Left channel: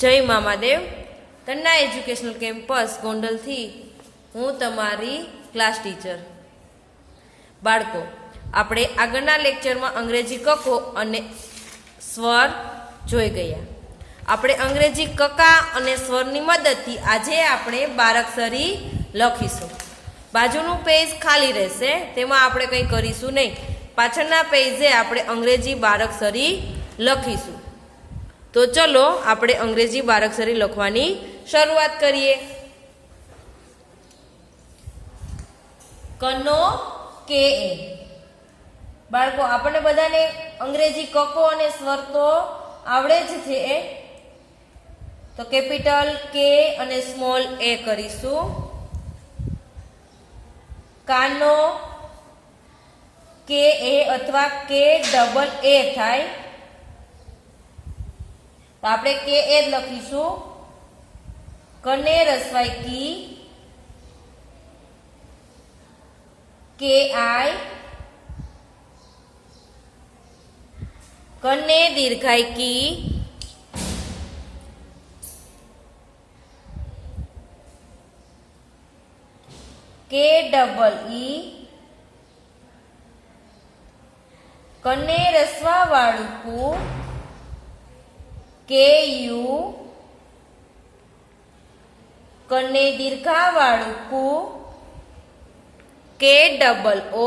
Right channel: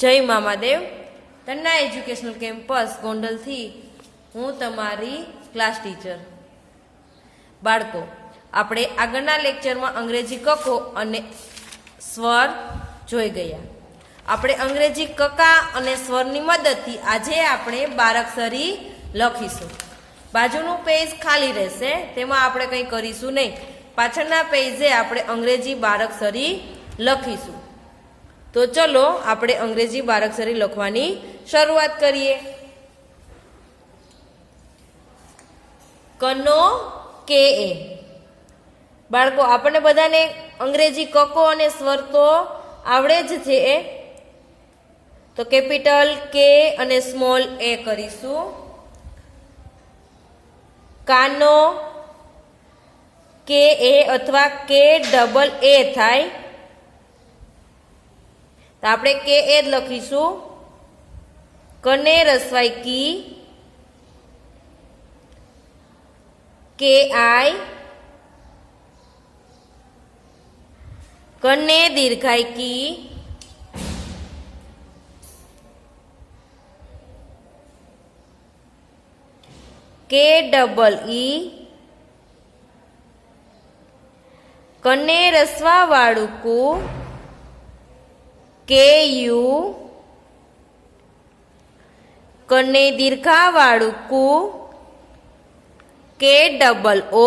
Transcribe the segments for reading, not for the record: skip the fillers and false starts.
જય Mamadev Tanna educational campus ગોંડલથી હું તમારી ક્લાસ ટીચર. બાળકો, આપણે આગળના લેક્ચરમાં અંગ્રેજી કકો અને સ્વર જોઈ ગયા. આપણે અંગ્રેજી કકા અને સ્વરની મદદથી આજે આપણે બારાક્ષરી લખીશું. બાજુનું પેજ ખાલી રહેશે, તેમાં આપણે કંઈ કરીશું નહીં. પાછળના પેજે આપણે અંગ્રેજી બારાક્ષરી લખીશું. તો ચલો આપણે અંગ્રેજી બારાક્ષરી લખવાની શરૂઆત કરીએ. કનો કે એ. બાળકો, આપણને બધાને અંગ્રેજી કકો અને સ્વર તો આવડે જ છે. તો કેપિટલ કે અને સ્મોલ એ કરીશું. કાનો કે એ અથવા કે ડબલ એ થાય તો આપણે કે એ જ લખીશું. કને રસવાઈ કી, કે આઈ. કને દીર્ઘાઈ કી, કે ડબલ ઈ. કને રસવા વાળું કુ, કે યુ. કને દીર્ઘા વાળું કુ, કે ડબલ ઓ.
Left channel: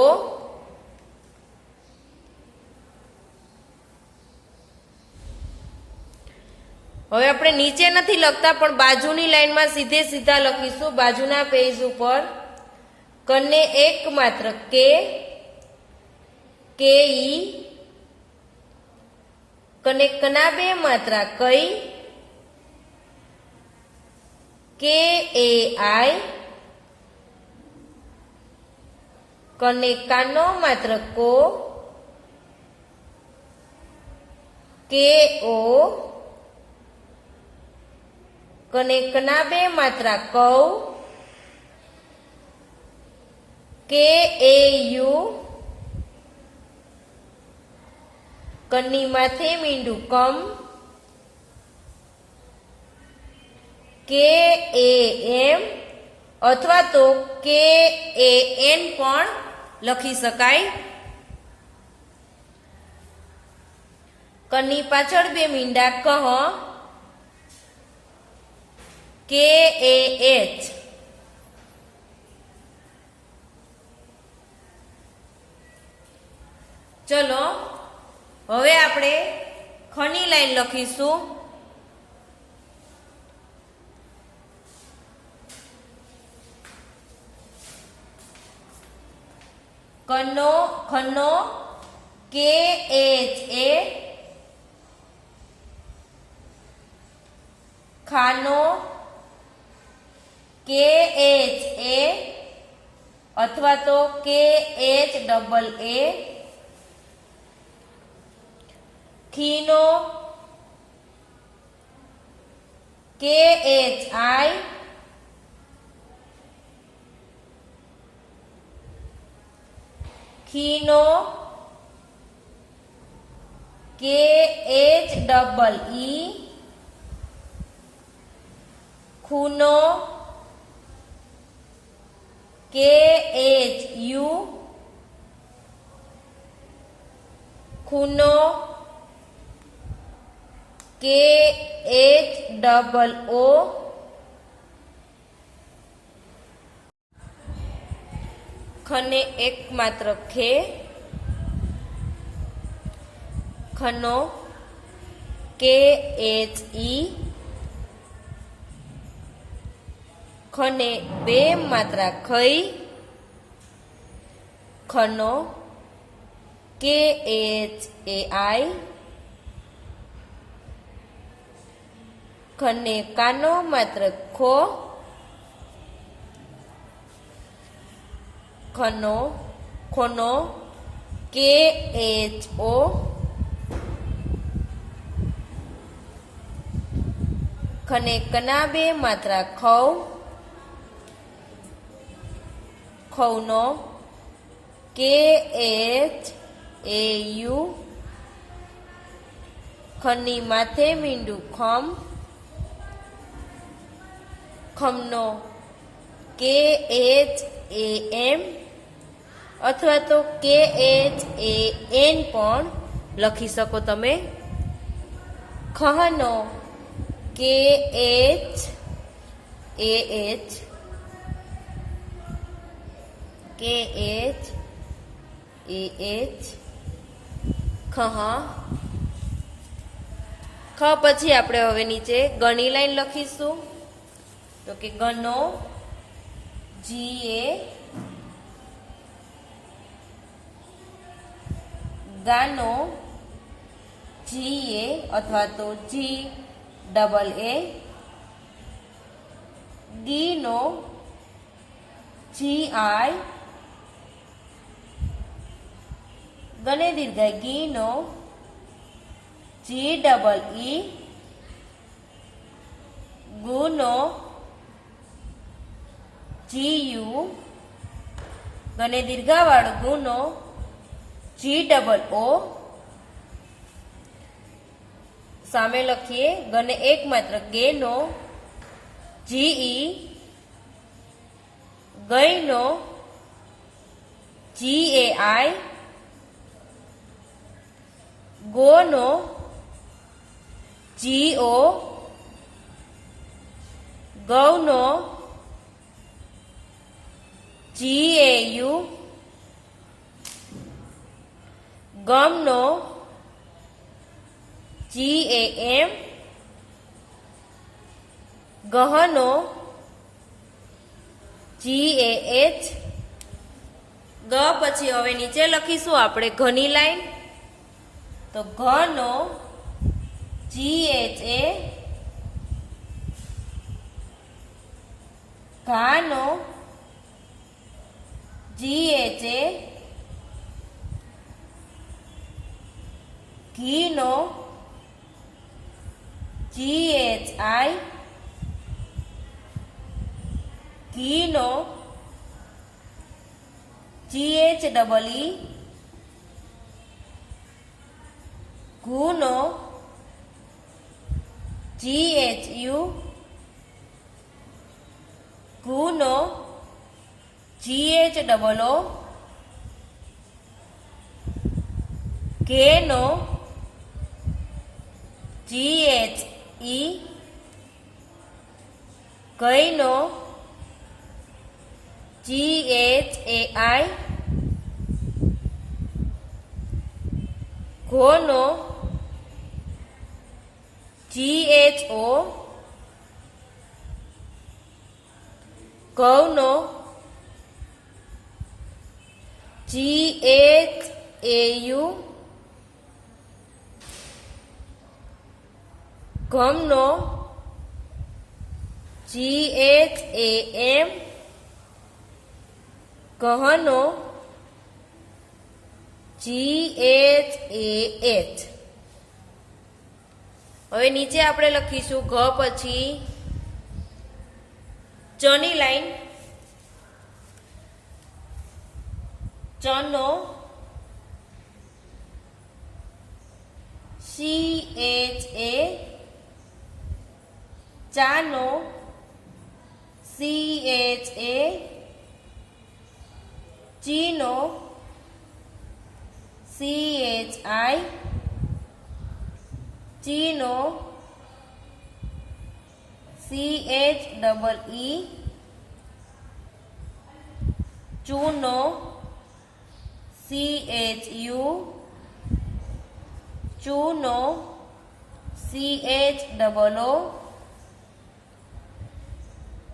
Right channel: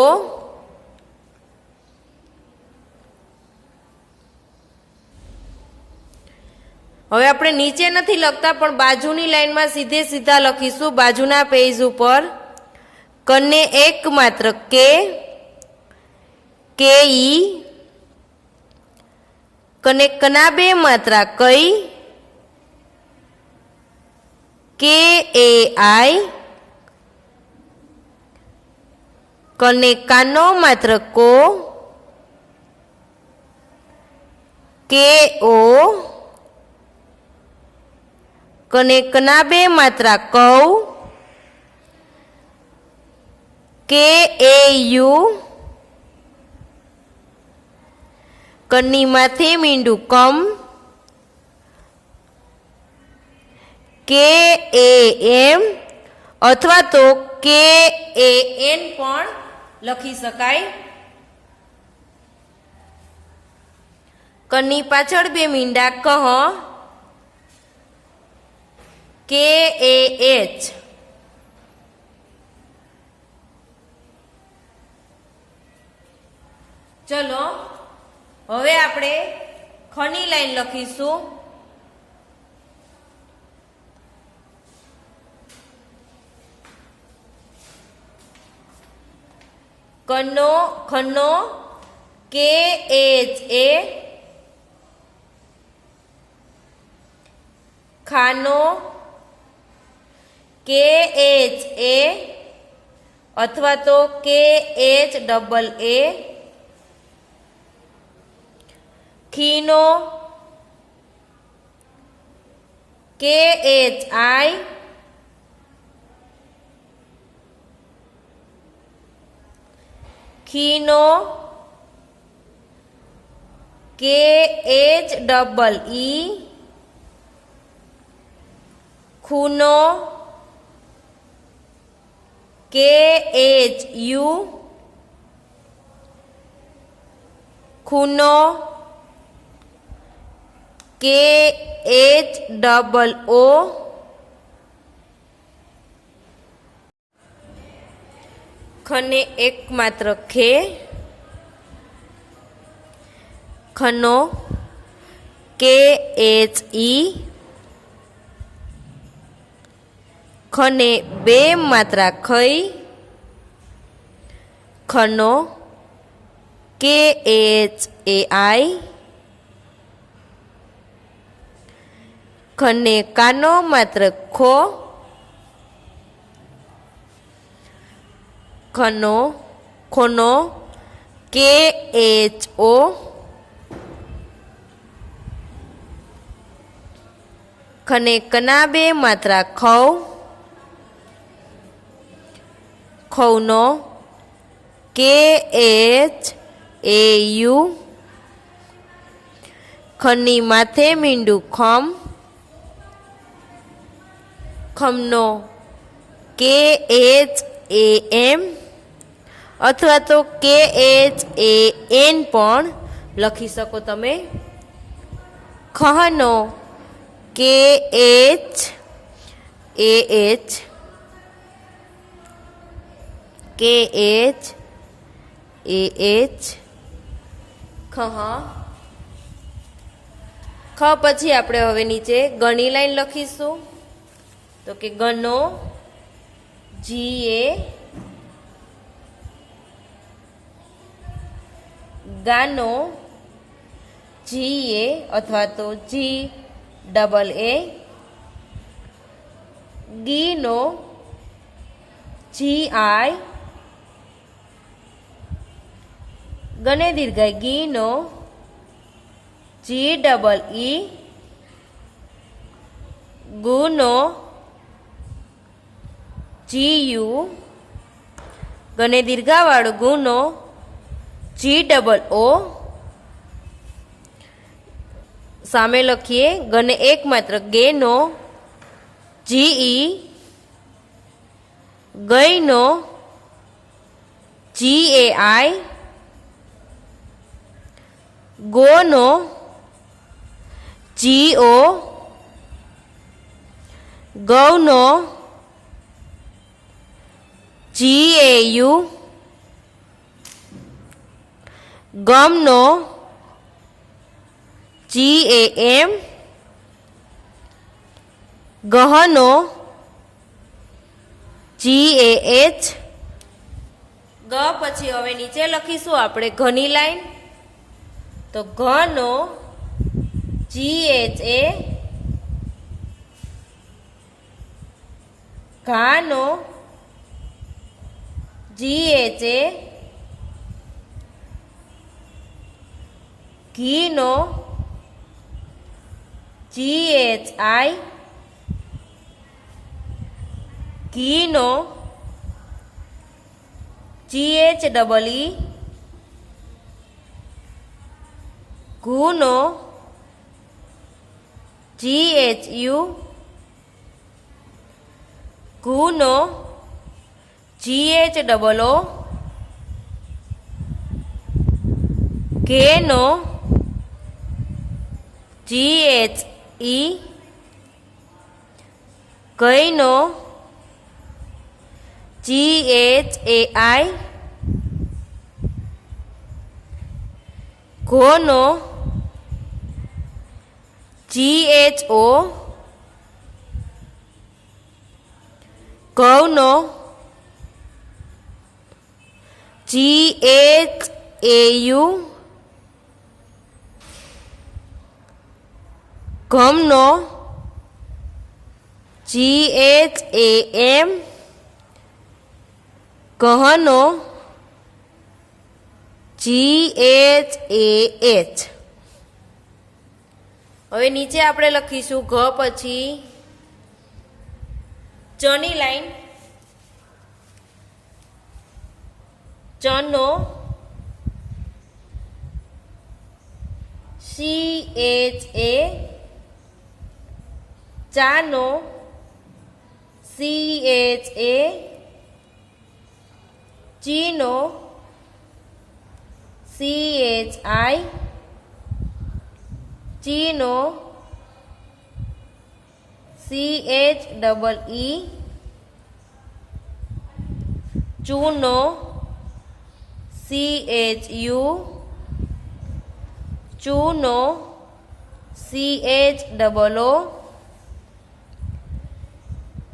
હવે આપણે નીચે નથી લખતા, પણ બાજુની લાઈનમાં સીધે સીધા લખીશું. બાજુના પેજ ઉપર કને એક માત્ર કે ઈ. કને કના બે માત્રા કઈ, કે એ આઈ. કને કાનો માત્ર કો, કે ઓ. કને કના બે માત્રા કૌ, કે એ યુ. કની માથે મીંડું કમ, કે એ એમ અથવા તો કે એ એન પણ લખી શકાય. કની પાછળ બે મીંડા કહ, કે એ એચ. ચલો હવે આપણે ખની લાઈન લખીશું. કનો ખનો કે એચ એ. ખાનો કે એચ એ અથવા તો કે એચ ડબલ એ. ખીનો કે એચ આઈ. ખીનો કે એચ ડબલ ઈ. ખૂનો કે એચ યુ. ખૂનો કે એચ ડબલ ઓ. ખને એક માત્ર ખે. ખનો કે એચ ઈ. ખને બે માત્રા ખઈ. ખનો કે એચ એ આઈ. ખને કાનો માત્ર ખો. ખોનો કે એચ ઓ. ખને કના બે માત્રા ખૌ. ખૌનો કે એચ એ યુ. ખની માથે મીંડું ખમ. ખમનો KHAM અથવા તો KHAN પણ લખી શકો તમે. ખહનો KHAH ખહ. ખ પછી આપણે હવે નીચે ગણી લાઈન લખીશું. તો કે ગનો GA ગાનો GA અથવા તો GAA ગીનો GI ગને દીર્ઘાય ગીનો GEE ગુનો GU ગને દીર્ઘાવાળો ગુનો GOO. સામે લખીએ ગને એક માત્ર ગેનો GE ગઈનો GAI ગોનો GO ગૌનો GAU ગમનો GAM ગહનો GAH. ગ પછી હવે નીચે લખીશું આપણે ઘની લાઈન. તો ઘનો GHA ઘાનો GHA ઘીનો GHI ઘીનો GHEE ઘૂનો GHU ઘૂનો GHOO ઘેનો GHE ગઈનો GHAI ઘોનો GHO ગૌનો GHAU ગમનો GHAM ગહનો GHAH. હવે નીચે આપણે લખીશું ઘ પછી ચની લાઈન. ચનો CHA ચાનો CHA ચીનો CHI ચીનો CHEE ચૂનો CHU ચૂનો CHOO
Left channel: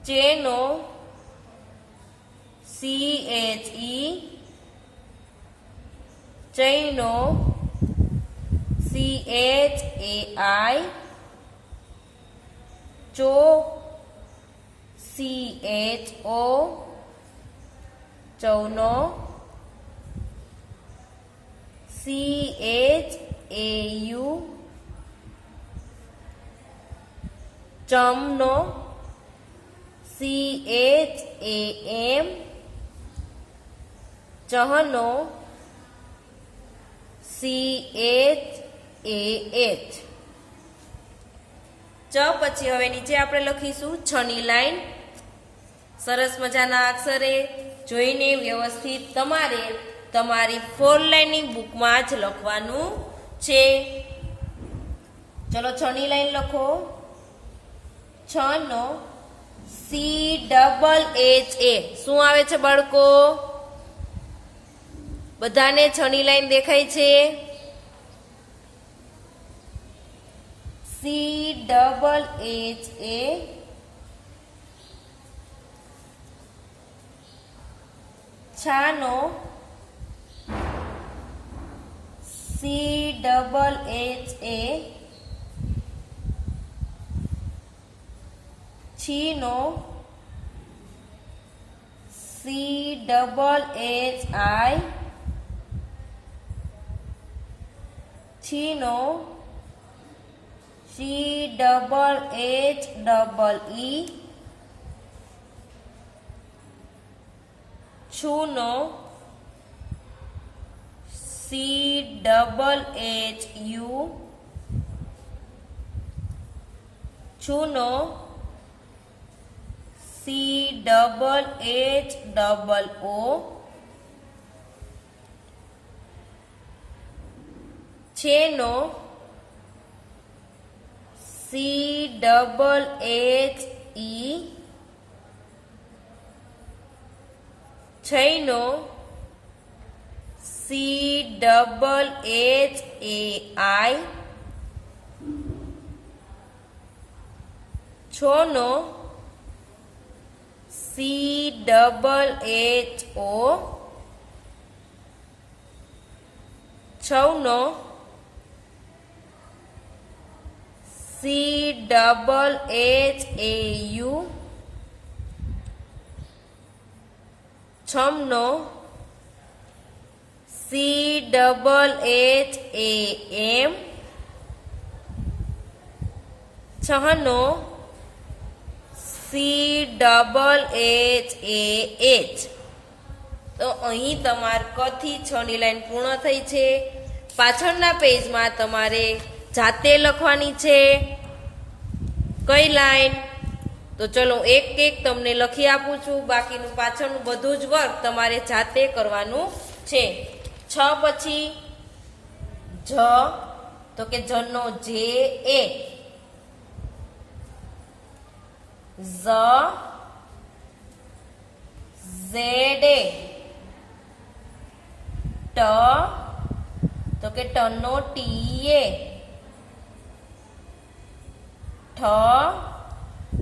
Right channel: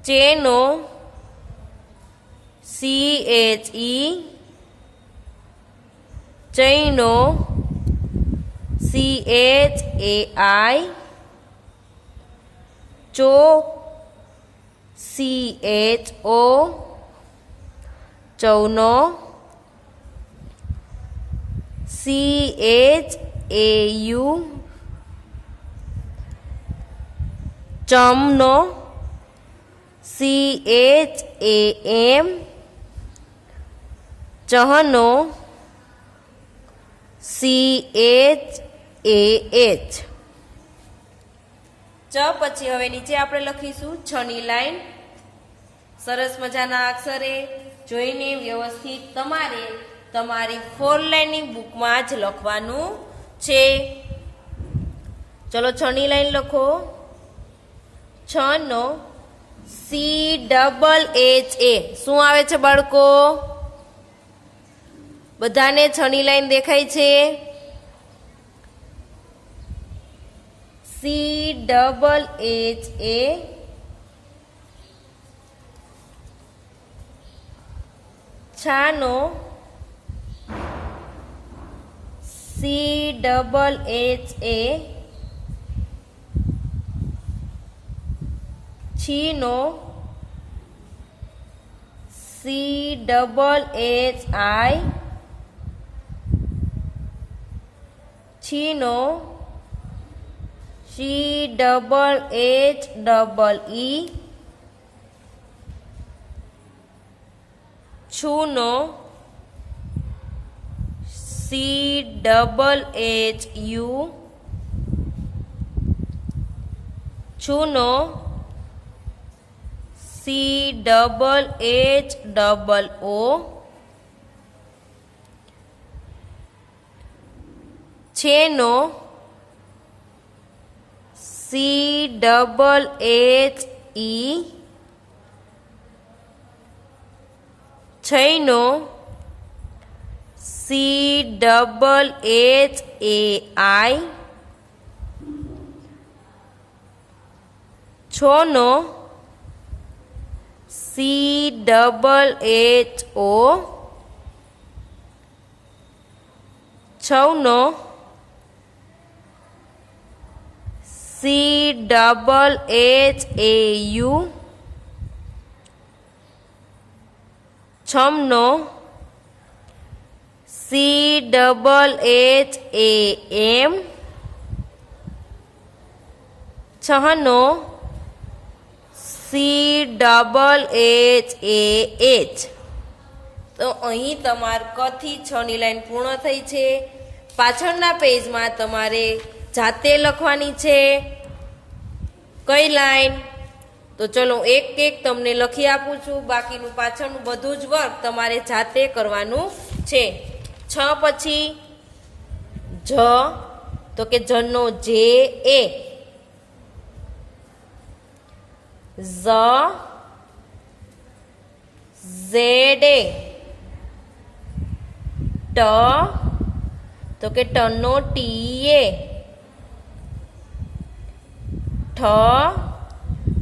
ચેનો CHE ચૈનો CHAI ચો CHO ચૌનો CHAU ચમનો CHAM ચહનો CHAH. ચ પછી હવે નીચે આપણે લખીશું છની લાઈન. સરસ મજાના અક્ષરે જોઈને વ્યવસ્થિત તમારે તમારી 4 લાઈનની બુકમાં જ લખવાનું છે. ચલો 6 ની લાઈન લખો. 6 નો CHHA શું આવે છે બાળકો? બધાને 6 ની લાઈન દેખાય છે? CHHA છાનો CHHA છીનો CHHI છીનો CHHE છૂનો CHHU છૂનો CHHO છેનો CHHE છૈનો CHHAI છોનો CHHO છૌનો CHHAU છમનો CHHAM છહનો CHHAH. તો અહીં તમારે ક થી 6 ની લાઈન પૂર્ણ થઈ છે. પાછળના પેજમાં તમારે જાતે લખવાની છે. કઈ લાઈન? તો ચલો એક એક તમને લખી આપું છું. બાકીનું પાછળનું બધું જ વર્ક તમારે જાતે કરવાનું છે. 6 પછી જ, તો કે જનો JA, ZA, ટ, તો કે ટનો TA, ઠ,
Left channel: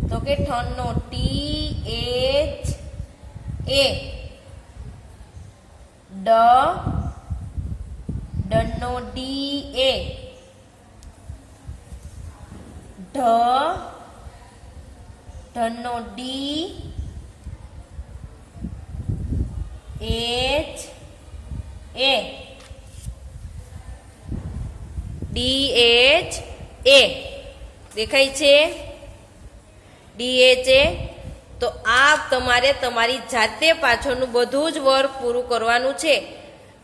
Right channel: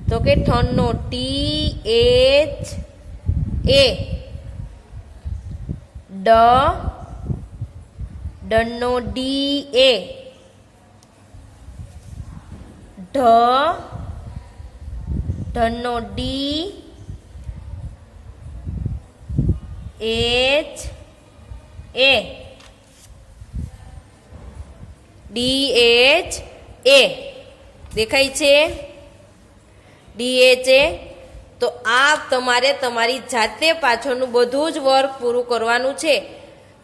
તો કે ઠનો THA, ડનો DA, ઢનો DHA દેખાય છે? DHA. તો આ તમારે તમારી જાતે પાછળનું બધું જ વર્ક પૂરું કરવાનું છે.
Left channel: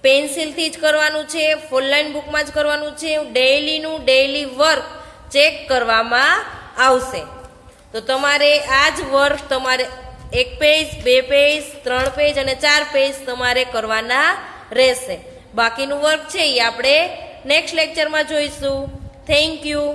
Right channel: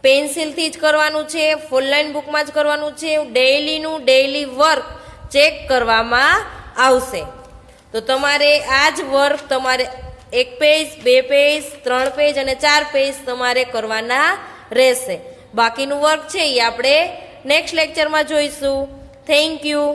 પેન્સિલથી જ કરવાનું છે, 4 લાઈન બુકમાં જ કરવાનું છે. ડેઈલી વર્ક ચેક કરવામાં આવશે. તો તમારે આ જ વર્ક તમારે 1 પેજ, 2 પેજ, 3 પેજ અને 4 પેજ તમારે કરવાના રહેશે. બાકીનું વર્ક છે એ આપણે નેક્સ્ટ લેક્ચરમાં જોઈશું. Thank you.